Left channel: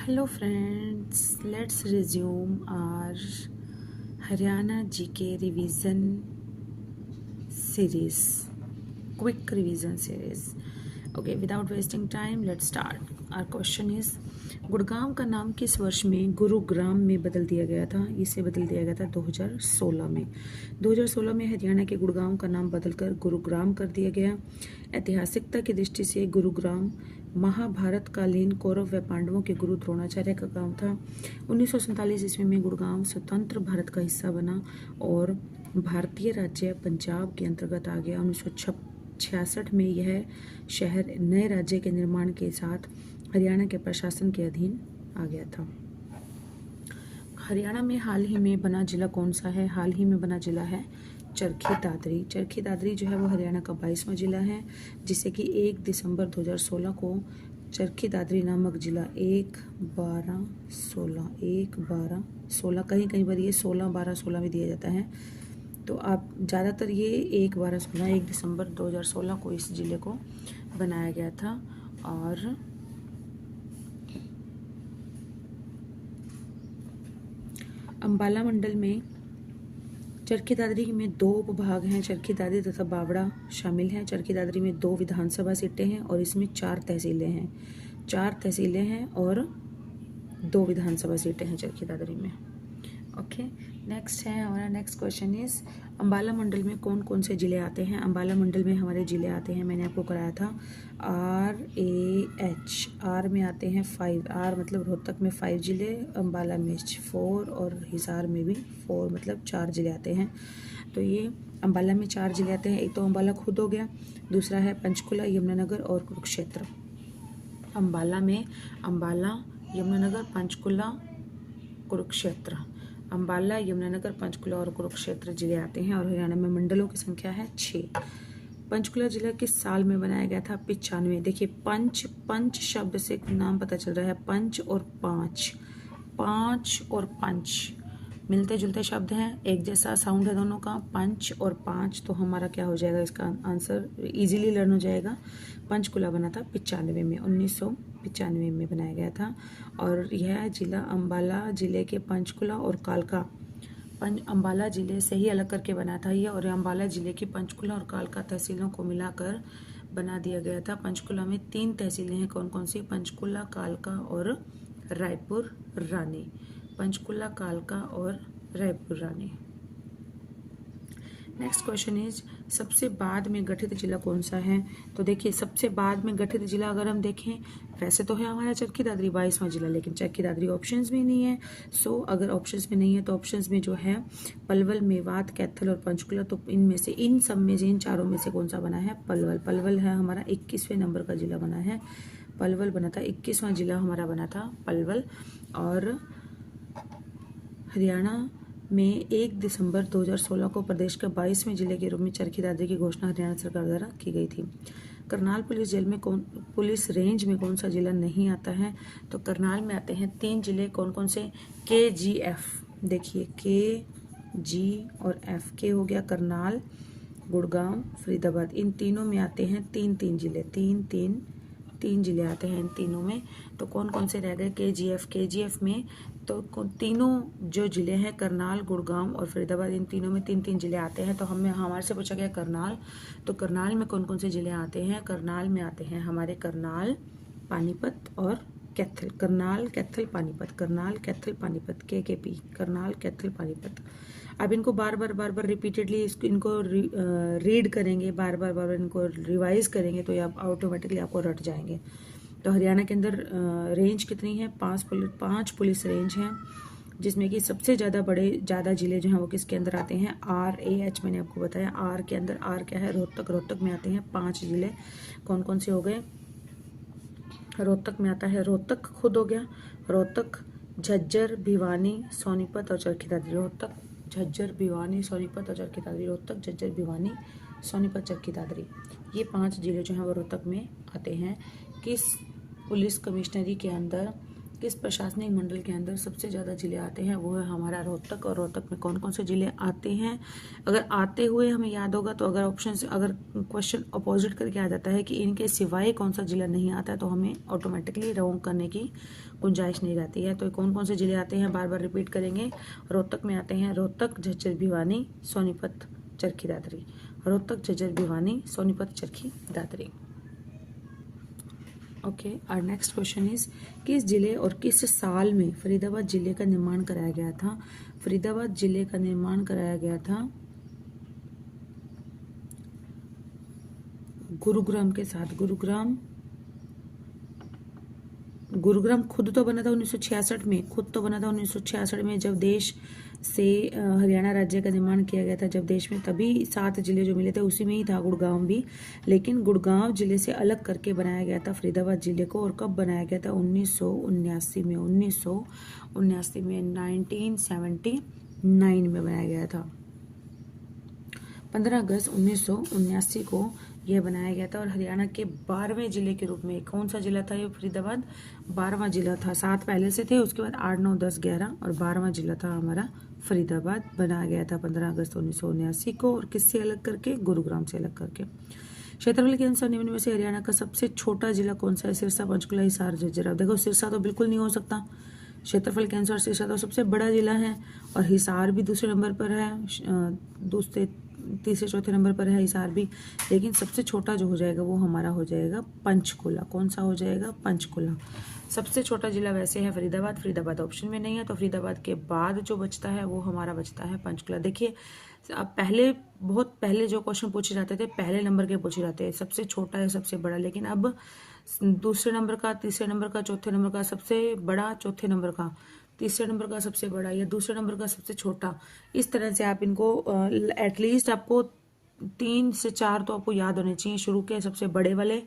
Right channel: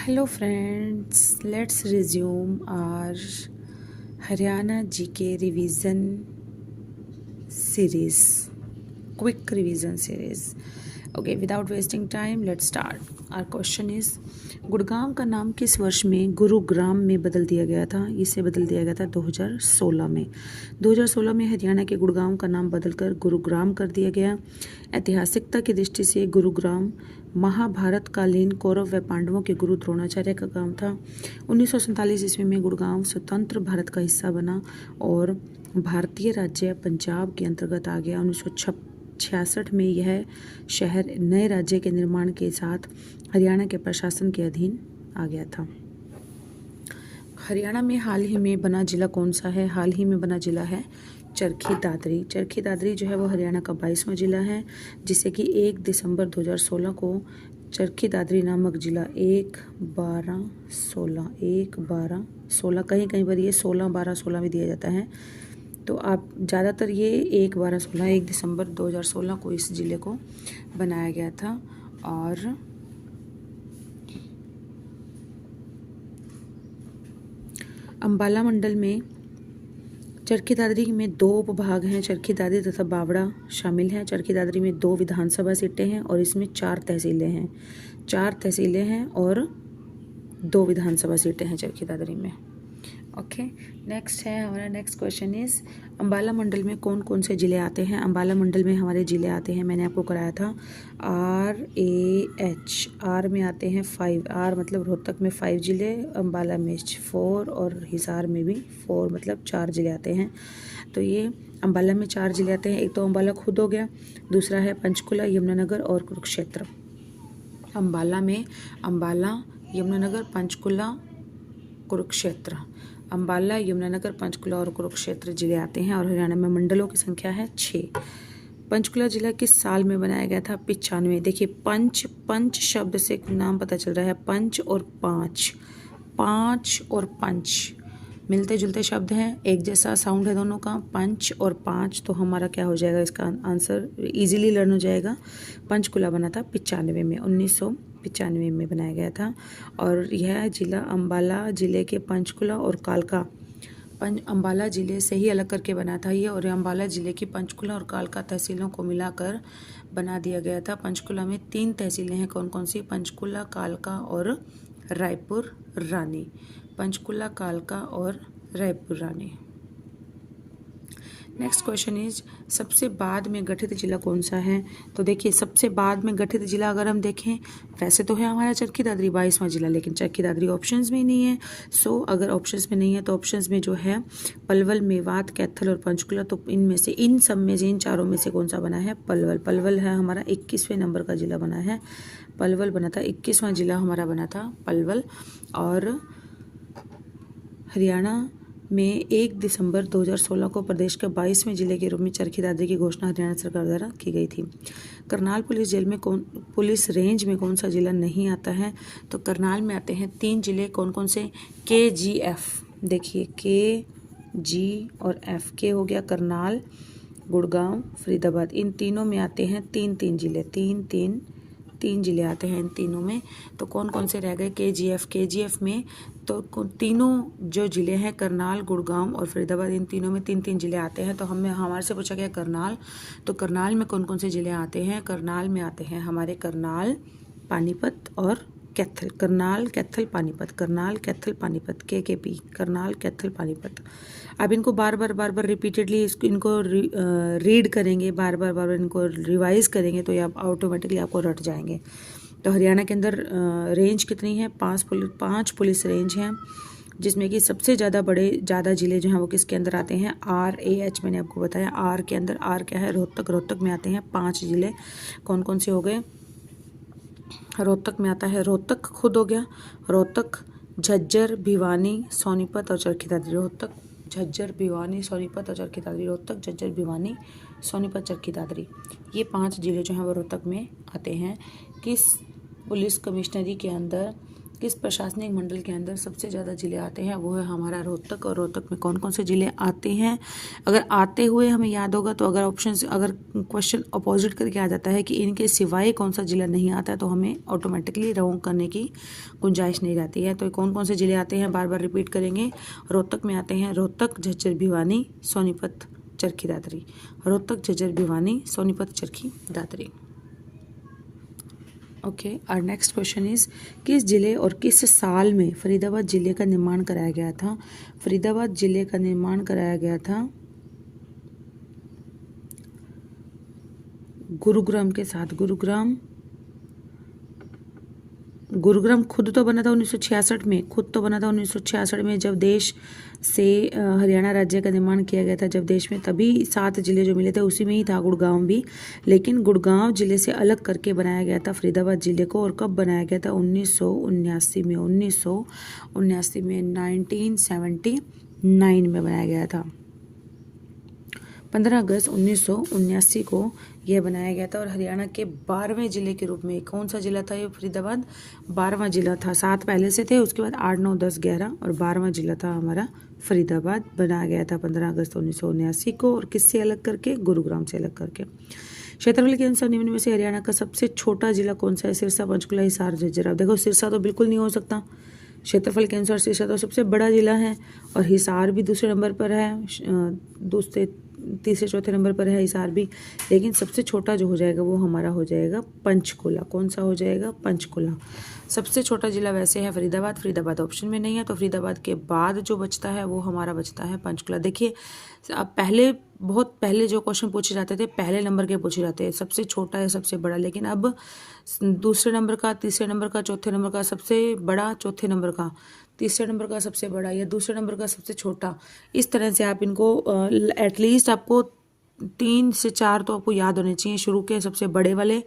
Hello friends, let's resume our Haryana GK revision series, quick revision series. Okay, without wasting time, let's start. Our question is, Gurgaon का नाम किस वर्ष में गुरुग्राम में बदल दिया गया था? इसे बदल दिया गया था 2016 में। 2016 में हरियाणा के गुड़गांव का नाम बदलकर गुरुग्राम कर दिया गया। ऐतिहासिकता की दृष्टि से गुरुग्राम महाभारत कालीन कौरव व पांडवों के गुरु द्रोणाचार्य का गांव था। 1947 ईस्वी में गुड़गांव स्वतंत्र भारत का हिस्सा बना और भारतीय राज्य पंजाब के अंतर्गत आ गया। 1966 में यह शहर नए राज्य के निर्माण के साथ हरियाणा के प्रशासन के अधीन आ गया था। हरियाणा में हाल ही में बना जिला कौन सा है? हाल ही में बना जिला है चरखी दादरी। चरखी दादरी जो है वो हरियाणा का 22वां जिला है, जिसे कि 1 दिसंबर 2016 को चरखी दादरी नामक जिला 1/12/16 कहीं कहीं पर ये 16/12/16 में दिया जाता है। तो आप ज़्यादातर ये 1/12/16 1 दिसंबर 2016 को इस जिले को बनाया गया था। और अंबाला मंडल में चरखी दादरी में 2 उपभाग हैं, चरखी दादरी तथा बावड़ा शामिल हैं। चरखी दादरी में 2 विधानसभा सीटें हैं और इसमें 4 तहसीलें हैं। 4 तहसीलें हैं और 2 विधानसभा सीटें हैं चरखी दादरी में। ओके, नेक्स्ट है हमारा नेक्स्ट क्वेश्चन इज, अंबाला मंडल में कौन कौन से ज़िले आते हैं? अंबाला मंडल में हमारे ज़िले आते हैं, मैंने आपको कराया था RAH। आर में आते हैं 5, आर मतलब रोहतक में 5 ज़िले, अंबाला में 4 और हिसार में भी 4 मतलब 4 ज़िले आते हैं। तो ये अंबाला में 4 ज़िले आते हैं। एक तो अंबाला खुद हो गया, दूसरा है पंचकुला, यमुनानगर और कुरुक्षेत्र। अंबाला में अंबाला, यमुनानगर, पंचकुला, कुरुक्षेत्र। अंबाला, यमुनानगर, पंचकुला और कुरुक्षेत्र जिले आते हैं। और हरियाणा में मंडलों की संख्या है 6। पंचकुला जिला किस साल में बनाया गया था? 95। देखिए पंच शब्द से नाम पता चल रहा है, पंच और पाँच, पाँच और पंच मिलते जुलते शब्द हैं, एक जैसा साउंड है दोनों का, पंच और पाँच। तो हमारा क्या हो जाएगा? इसका आंसर इजीली लर्न हो जाएगा। पंचकुला बना था 95 में, 1995 में बनाया गया था। और यह जिला अंबाला जिले के पंचकुला और कालका अंबाला जिले से ही अलग करके बना था ये, और अंबाला जिले की पंचकुला और कालका तहसीलों को मिलाकर बना दिया गया था। पंचकुला में 3 तहसीलें हैं, कौन कौन सी? पंचकुला, कालका और रायपुर रानी। पंचकुला, कालका और Raipur Rani. Next question is, सबसे बाद में गठित जिला कौन सा है? तो देखिए सबसे बाद में गठित जिला अगर हम देखें, वैसे तो है हमारा चरखी दादरी 22वां जिला, लेकिन चरखी दादरी ऑप्शंस में नहीं है। सो अगर ऑप्शंस में नहीं है तो ऑप्शंस में जो है पलवल, मेवात, कैथल और पंचकुला, तो इनमें से इन सब में से इन चारों में से कौन सा बना है? पलवल। पलवल है हमारा 21वें नंबर का जिला बना है, पलवल बना था, 21वां जिला हमारा बना था पलवल। और हरियाणा में 1 दिसंबर 2016 को प्रदेश के 22वें जिले के रूप में चरखी दादरी की घोषणा हरियाणा सरकार द्वारा की गई थी। करनाल पुलिस रेंज में कौन सा जिला नहीं आता है? तो करनाल में आते हैं 3 जिले, कौन कौन से? KGF। देखिए KG और F, के हो गया करनाल, गुड़गांव, फरीदाबाद, इन तीनों में आते हैं 3 जिले, 3 जिले आते हैं इन तीनों में। तो कौन कौन से रह गए? KGF में तो तीनों जो जिले हैं करनाल, गुड़गांव और फरीदाबाद, इन तीनों में 3 जिले आते हैं। तो हमारे से पूछा गया करनाल, तो करनाल में कौन कौन से जिले आते हैं? करनाल में आते हैं हमारे करनाल, पानीपत और कैथल। करनाल, कैथल, पानीपत, करनाल, कैथल, पानीपत, KKP, करनाल, कैथल, पानीपत। अब इनको बार बार रिपीटेडली इनको रीड करेंगे, बार बार इनको रिवाइज करेंगे तो ये आप ऑटोमेटिकली आपको रट जाएंगे। तो हरियाणा के अंदर रेंज कितनी है? 5 पुलिस रेंज हैं, जिसमें कि सबसे ज़्यादा जिले जो हैं वो किसके अंदर आते हैं? RAH। मैंने आपको बताया आर के अंदर, आर क्या है? रोहतक में आते हैं 5 जिले। कौन कौन से हो गए? रोहतक में आता है, रोहतक खुद हो गया, रोहतक, झज्जर, भिवानी, सोनीपत और चरखी दादरी। रोहतक, झज्जर, भिवानी, सोनीपत और चरखी दादरी। रोहतक, झज्जर, भिवानी, सोनीपत, चरखी दादरी, ये 5 जिले जो हैं वो रोहतक में आते हैं। किस पुलिस कमिश्नरी के अंदर किस प्रशासनिक मंडल के अंदर सबसे ज़्यादा जिले आते हैं, वो है हमारा रोहतक। और रोहतक में कौन कौन से जिले आते हैं, अगर आते हुए हमें याद होगा तो अगर क्वेश्चन अपोजिट करके आ जाता है कि इनके सिवाय कौन सा जिला नहीं आता है तो हमें ऑटोमेटिकली रॉन्ग करने की गुंजाइश नहीं रहती है। तो कौन कौन से जिले आते हैं, बार बार रिपीट करेंगे। रोहतक में आते हैं Rohtak, Jhajjar, Bhiwani, Sonipat, Charkhi Dadri. Rohtak, Jhajjar, Bhiwani, Sonipat, Charkhi Dadri. Okay, our next question is किस जिले और किस साल में फरीदाबाद जिले का निर्माण कराया गया था। फरीदाबाद जिले का निर्माण कराया गया था गुरुग्राम के साथ। गुरुग्राम खुद तो बना था 1966 में, जब देश से हरियाणा राज्य का निर्माण किया गया था, जब देश में, तभी 7 जिले जो मिले थे उसी में ही था गुड़गांव भी। लेकिन गुड़गांव जिले से अलग करके बनाया गया था फरीदाबाद जिले को। और कब बनाया गया था, 1979 में। 1979 में बनाया गया था। 15 अगस्त 1979 को यह बनाया गया था। और हरियाणा के 12वें जिले के रूप में कौन सा जिला था ये फरीदाबाद, 12वां जिला था। 7 पहले से थे, उसके बाद 8, 9, 10, 11 और 12वां जिला था हमारा फरीदाबाद। बनाया गया था 15 अगस्त 1979 को। और किससे अलग करके, गुरुग्राम से अलग करके। क्षेत्रफल के अनुसार निम्न में से हरियाणा का सबसे छोटा जिला कौन सा है। सिरसा, पंचकुला, हिसार, झज्जर। अब देखो सिरसा तो बिल्कुल नहीं हो सकता, क्षेत्रफल के अनुसार सिरसा तो सबसे बड़ा जिला है। और हिसार भी दूसरे नंबर पर है, तीसरे चौथे नंबर पर है हिसार भी। लेकिन सबसे छोटा जो हो जाएगा वो हमारा हो जाएगा पंचकुला। कौन सा हो जाएगा, पंचकुला। सबसे छोटा जिला वैसे है फरीदाबाद ऑप्शन में नहीं है, तो फरीदाबाद के बाद जो बचता है वो हमारा बचता है पंचकुला। देखिए अब बहुत पहले जो क्वेश्चन पूछे जाते थे पहले नंबर के पूछे जाते हैं, सबसे छोटा है सबसे बड़ा। लेकिन अब दूसरे नंबर का, तीसरे नंबर का, चौथे नंबर का सबसे बड़ा, चौथे नंबर का, तीसरे नंबर का सबसे बड़ा, या दूसरे नंबर का सबसे छोटा। इस तरह से आप इनको एटलीस्ट आपको 3 से 4 तो आपको याद होने चाहिए। शुरू के सबसे बड़े वाले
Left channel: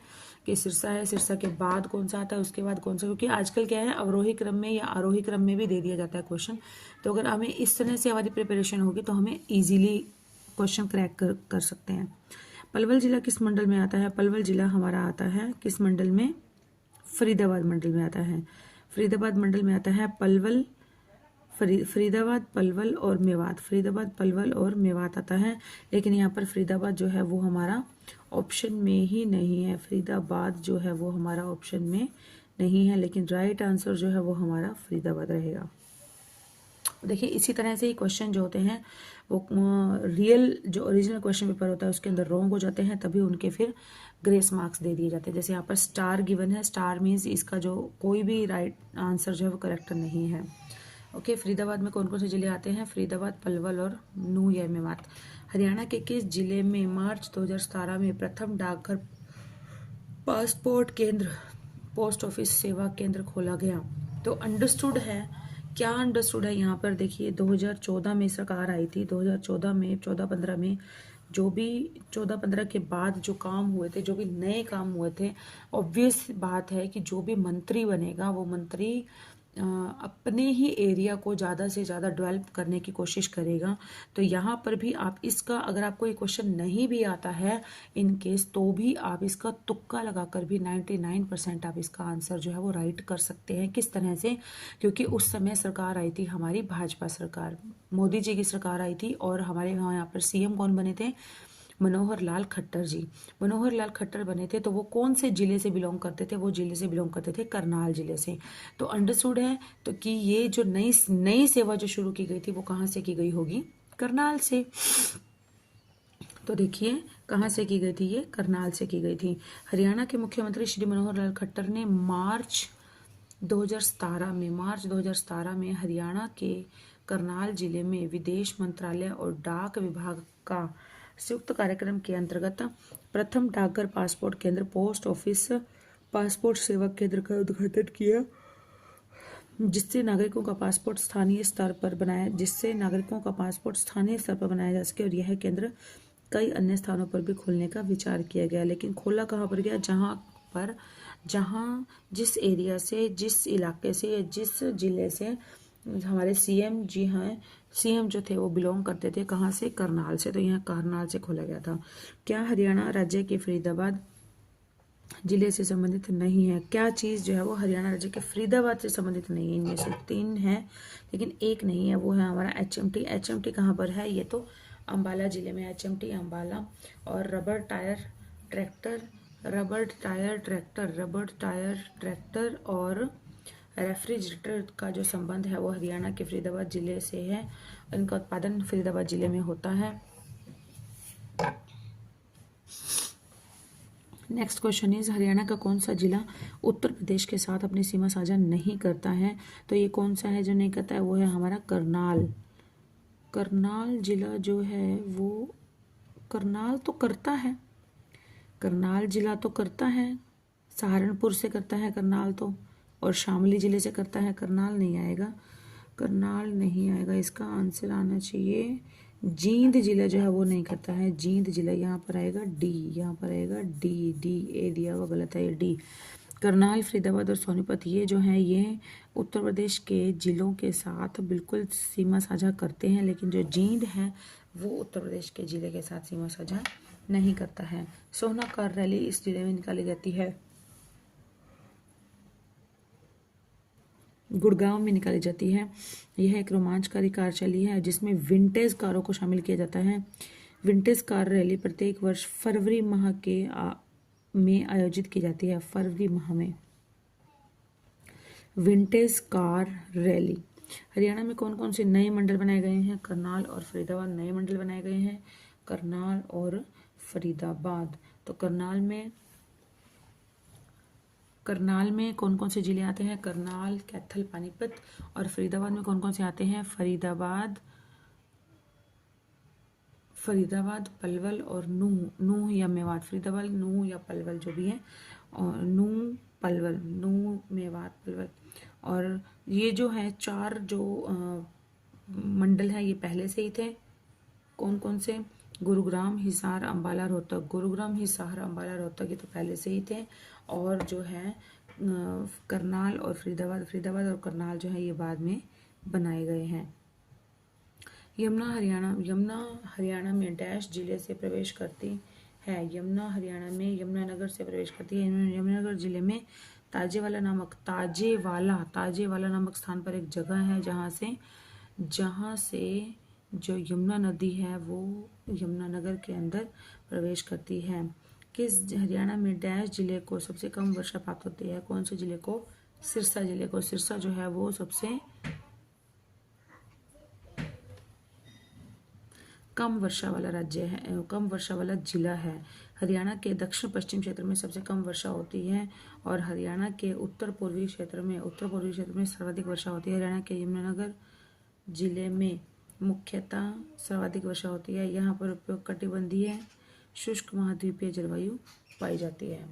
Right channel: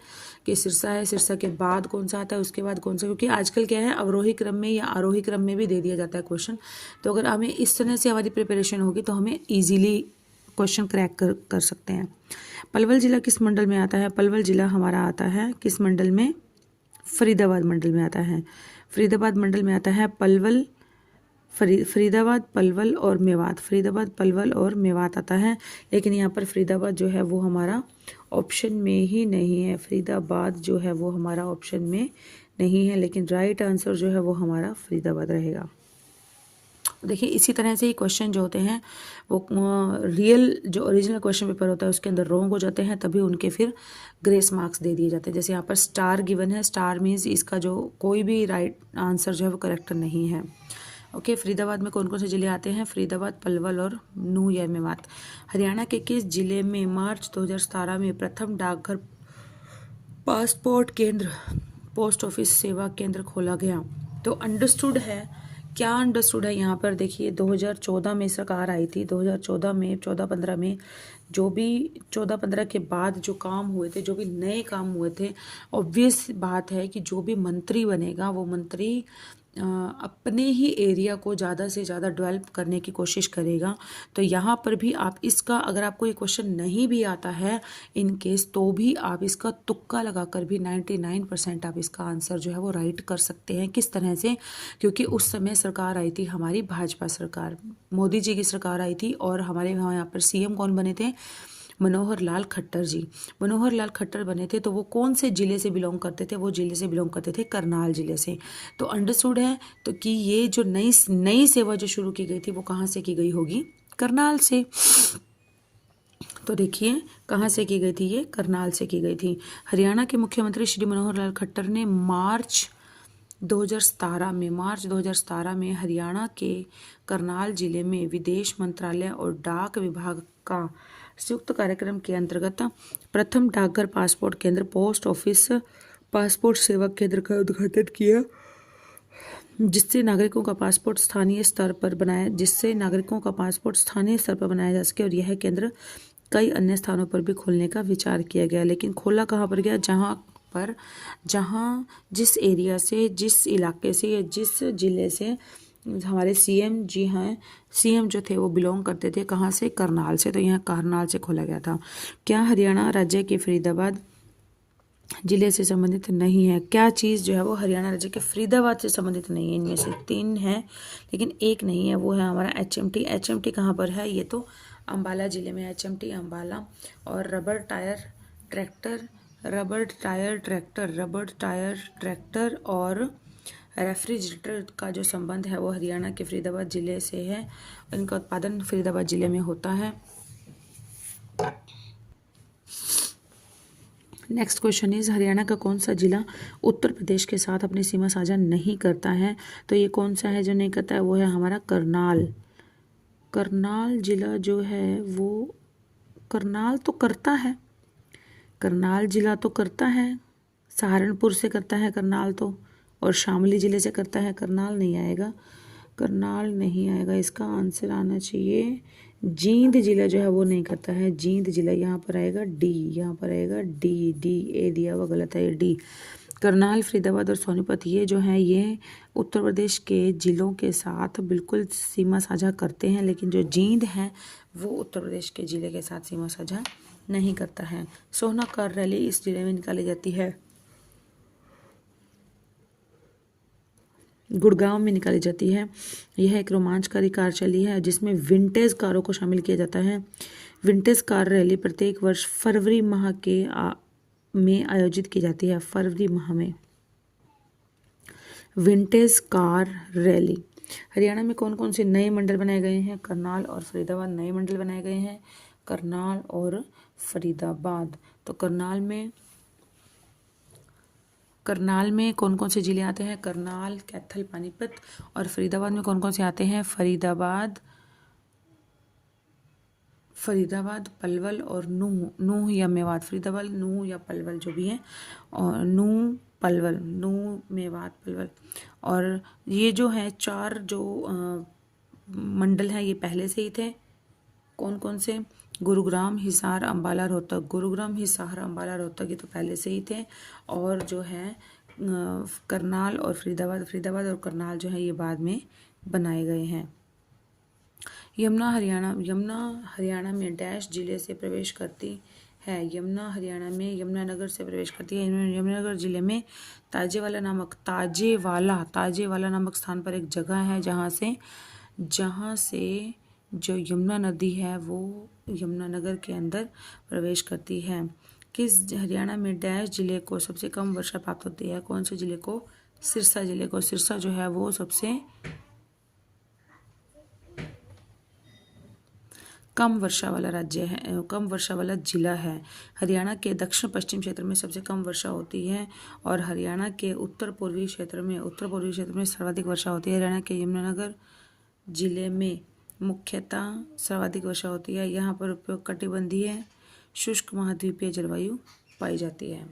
कि सिरसा है, सिरसा के बाद कौन सा आता है, उसके बाद कौन सा, क्योंकि आजकल क्या है अवरोही क्रम में या आरोही क्रम में भी दे दिया जाता है क्वेश्चन। तो अगर हमें इस तरह से हमारी प्रिपरेशन होगी तो हमें ईजिली क्वेश्चन क्रैक कर सकते हैं। पलवल जिला किस मंडल में आता है। पलवल जिला हमारा आता है किस मंडल में, फरीदाबाद मंडल में आता है। फरीदाबाद मंडल में आता है पलवल, फरीदाबाद, पलवल और मेवात। फरीदाबाद, पलवल और मेवात आता है। लेकिन यहाँ पर फरीदाबाद जो है वो हमारा ऑप्शन में ही नहीं है। फरीदाबाद जो है वो हमारा ऑप्शन में नहीं है, लेकिन राइट आंसर जो है वो हमारा फरीदाबाद रहेगा। देखिए इसी तरह से ही क्वेश्चन जो होते हैं वो रियल जो ओरिजिनल क्वेश्चन पेपर होता है उसके अंदर रॉन्ग हो जाते हैं, तभी उनके फिर ग्रेस मार्क्स दे दिए जाते हैं। जैसे यहाँ पर स्टार गिवन है, स्टार मीन्स इसका जो कोई भी राइट आंसर जो है वो करेक्ट नहीं है। ओके, फरीदाबाद में कौन कौन से जिले आते हैं, फरीदाबाद, पलवल और नूह या मेवात। हरियाणा के किस जिले में मार्च 2017 में प्रथम डाकघर पासपोर्ट केंद्र, पोस्ट ऑफिस सेवा केंद्र खोला गया। तो अंडरस्टूड है, क्या अंडरस्टूड है यहाँ पर देखिए 2014 में सरकार आई थी। 2014 में 14-15 में जो भी 14-15 के बाद जो काम हुए थे, जो भी नए काम हुए थे, ऑब्वियस बात है कि जो भी मंत्री बनेगा वो मंत्री अपने ही एरिया को ज़्यादा से ज़्यादा डेवलप करने की कोशिश करेगा। तो यहाँ पर भी आप इसका, अगर आपको ये क्वेश्चन नहीं भी आता है इन केस, तो भी आप इसका तुक्का लगाकर भी 99% आप इसका आंसर जो है वो राइट कर सकते हैं। किस तरह से, क्योंकि उस समय सरकार आई थी हमारी भाजपा सरकार, मोदी जी की सरकार आई थी। और हमारे यहाँ पर सीएम कौन बने थे, मनोहर लाल खट्टर जी। मनोहर लाल खट्टर बने थे तो वो कौन से जिले से बिलोंग करते थे, वो जिले से बिलोंग करते थे करनाल जिले से। तो अंडरस्टूड है तो कि ये जो नई सेवा जो शुरू की गई थी वो कहाँ से की गई होगी, करनाल से। तो देखिए कहाँ से की गई थी, ये करनाल से की गई थी। हरियाणा के मुख्यमंत्री श्री मनोहर लाल खट्टर ने मार्च 2017 में हरियाणा के करनाल जिले में विदेश मंत्रालय और डाक विभाग का संयुक्त कार्यक्रम के अंतर्गत प्रथम डाकघर पासपोर्ट केंद्र, पोस्ट ऑफिस पासपोर्ट सेवा केंद्र का उद्घाटन किया, जिससे नागरिकों का पासपोर्ट स्थानीय स्तर पर बनाया जा सके। और यह केंद्र कई अन्य स्थानों पर भी खोलने का विचार किया गया। लेकिन खोला कहाँ पर गया, जहाँ जिस एरिया से, जिस इलाके से या जिस जिले से हमारे सीएम जी हैं, सीएम जो थे वो बिलोंग करते थे कहाँ से, करनाल से। तो यहाँ करनाल से खोला गया था। क्या हरियाणा राज्य के फरीदाबाद जिले से संबंधित नहीं है। क्या चीज़ जो है वो हरियाणा राज्य के फरीदाबाद से संबंधित नहीं है। इनमें से 3 है लेकिन एक नहीं है, वो है हमारा HMT। HMT कहाँ पर है? ये तो अंबाला जिले में HMT अंबाला। और रबर टायर ट्रैक्टर और रेफ्रिजरेटर का जो संबंध है वो हरियाणा के फरीदाबाद जिले से है। इनका उत्पादन फरीदाबाद जिले में होता है। नेक्स्ट क्वेश्चन इज हरियाणा का कौन सा जिला उत्तर प्रदेश के साथ अपनी सीमा साझा नहीं करता है? तो ये कौन सा है जो नहीं करता है? वो है हमारा करनाल। करनाल जिला जो है वो, करनाल तो करता है, करनाल जिला तो करता है, सहारनपुर से करता है करनाल तो, और शामली जिले से करता है। करनाल नहीं आएगा, करनाल नहीं आएगा। इसका आंसर आना चाहिए जींद जिला जो है वो नहीं करता है। जींद जिला यहाँ पर आएगा डी, यहाँ पर आएगा डी। डी ए दिया हुआ गलत है, ये डी। करनाल, फरीदाबाद और सोनीपत ये जो हैं ये उत्तर प्रदेश के जिलों के साथ बिल्कुल सीमा साझा करते हैं, लेकिन जो जींद है वो उत्तर प्रदेश के जिले के साथ सीमा साझा नहीं करता है। सोना कार रैली इस जिले में निकाली जाती है, गुड़गांव में निकाली जाती है। यह एक रोमांचकारी कार रैली है जिसमें विंटेज कारों को शामिल किया जाता है। विंटेज कार रैली प्रत्येक वर्ष फरवरी माह में आयोजित की जाती है। फरवरी माह में विंटेज कार रैली। हरियाणा में कौन कौन से नए मंडल बनाए गए हैं? करनाल और फरीदाबाद नए मंडल बनाए गए हैं, करनाल और फरीदाबाद। तो करनाल में कौन कौन से जिले आते हैं? करनाल, कैथल, पानीपत। और फरीदाबाद में कौन कौन से आते हैं? फरीदाबाद, पलवल और नूह या मेवात। फरीदाबाद, नूह या पलवल जो भी है, और नूह, मेवात, पलवल। और ये जो है 4 जो मंडल हैं ये पहले से ही थे। कौन कौन से? गुरुग्राम, हिसार, अंबाला, रोहतक। गुरुग्राम, हिसार, अंबाला, रोहतक ये तो पहले से ही थे। और जो है करनाल और फरीदाबाद और करनाल जो है ये बाद में बनाए गए हैं। यमुना हरियाणा में डैश जिले से प्रवेश करती है। यमुना हरियाणा में यमुनानगर से प्रवेश करती है। यमुनानगर जिले में ताजेवाला नामक स्थान पर एक जगह है जहाँ से जो यमुना नदी है वो यमुनानगर के अंदर प्रवेश करती है। किस हरियाणा में डैश जिले को सबसे कम वर्षा प्राप्त होती है? कौन से जिले को? सिरसा जिले को। सिरसा जो है वो सबसे कम वर्षा वाला राज्य है, कम वर्षा वाला जिला है। हरियाणा के दक्षिण पश्चिम क्षेत्र में सबसे कम वर्षा होती है और हरियाणा के उत्तर पूर्वी क्षेत्र में सर्वाधिक वर्षा होती है। हरियाणा के यमुनानगर जिले में मुख्यतः सर्वाधिक वर्षा होती है। यहाँ पर उपोष्णकटिबंधीय शुष्क महाद्वीपीय जलवायु पाई जाती है।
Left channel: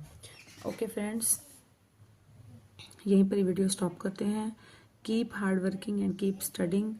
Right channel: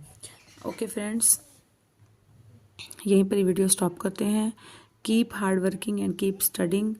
ओके फ्रेंड्स, यहीं पर वीडियो स्टॉप करते हैं। Keep hard working and keep studying.